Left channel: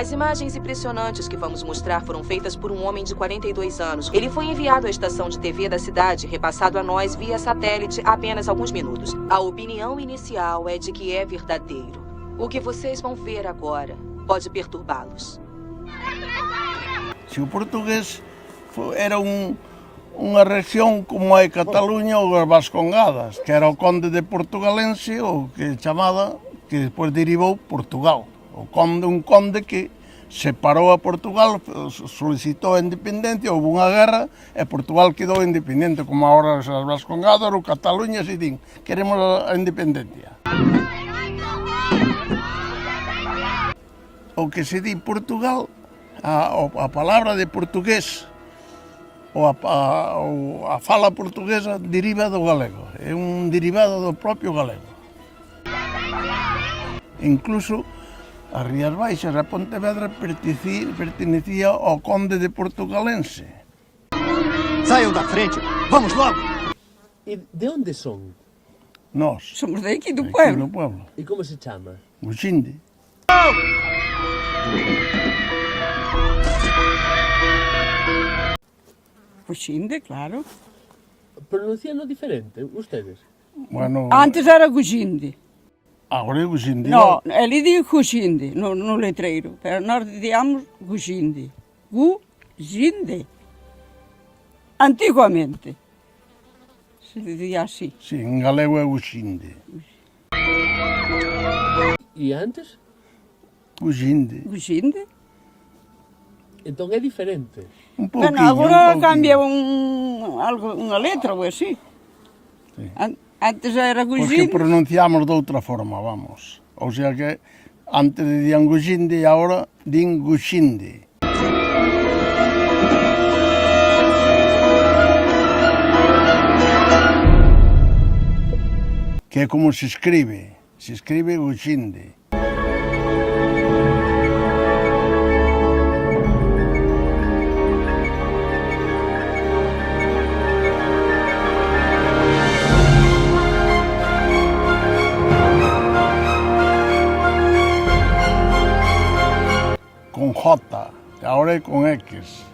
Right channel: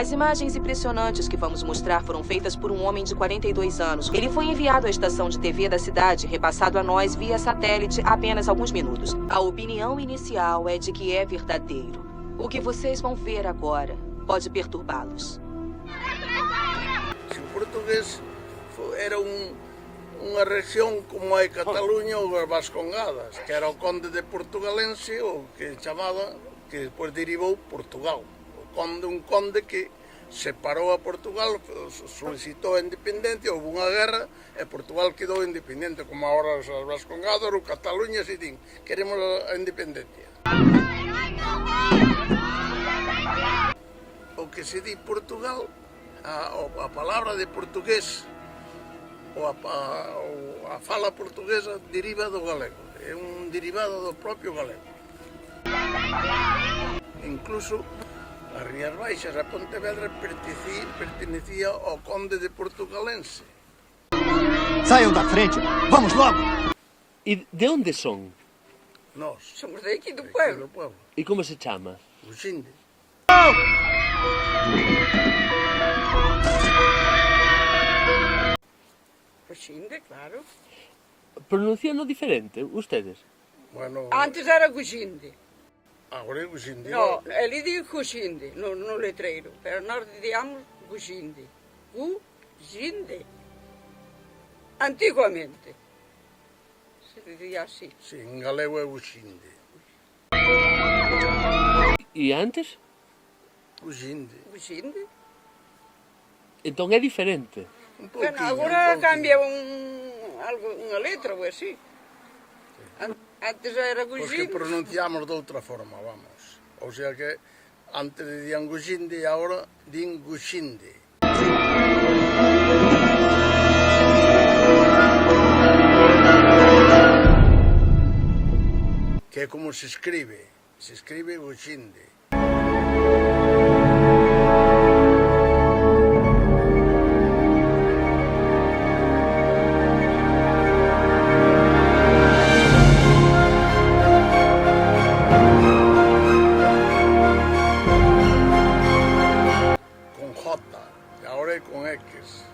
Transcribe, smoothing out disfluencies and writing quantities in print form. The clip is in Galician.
As imagens impressionantes que vamos mostrar foram feitas por um homem de 42 anos. Ele foi enviado à estação de TV da cidade, repassado a nós via satélite há apenas alguns minutos. A opinião inicial é de que é verdadeiro. O que vocês vão ver agora pode perturbá-los. Se o portugués era unha rexión como é Cataluña ou as Vascongadas, que era o conde de Portugalense, o que chamaba, que despois derivou Portugal. O conde, un conde que separou a Portugal, solicitou a independencia, houve unha guerra e Portugal quedou independente, como agora as Vascongadas ou Cataluña se din, queremos a independencia. O que se di Portugal, a palabra de portugués ou a fala portuguesa deriva do galego, é un derivado do propio galego. Incluso as Rías Baixas, a Pontevedra, pertenecía ao conde de Portugalense. Saiam da frente, vamos logo! E de onde son? Nós. Somos daqui do Aquí pueblo. do pueblo. E como se chama? Uxinde. Cuxinde, claro. Pronunciando diferente, ustedes? Bueno, Antes era Cuxinde. agora é Uxinde. No, ele diz Cuxinde no letreiro, pero nós dizíamos Cuxinde. Cuxinde. Antiguamente se dizia así. Sí, en galego é Uxinde. E antes? Uxinde. Cuxinde. Entón é diferente. Un pouquinho, Bueno, agora un pouquinho. cambia unha letra ou así. Antes era Porque Cuxinde. pronunciamos de outra forma, vamos. O sea que antes dicían Guxinde e agora din Guxinde. Que é como se escribe Guxinde. Con J, agora é con X.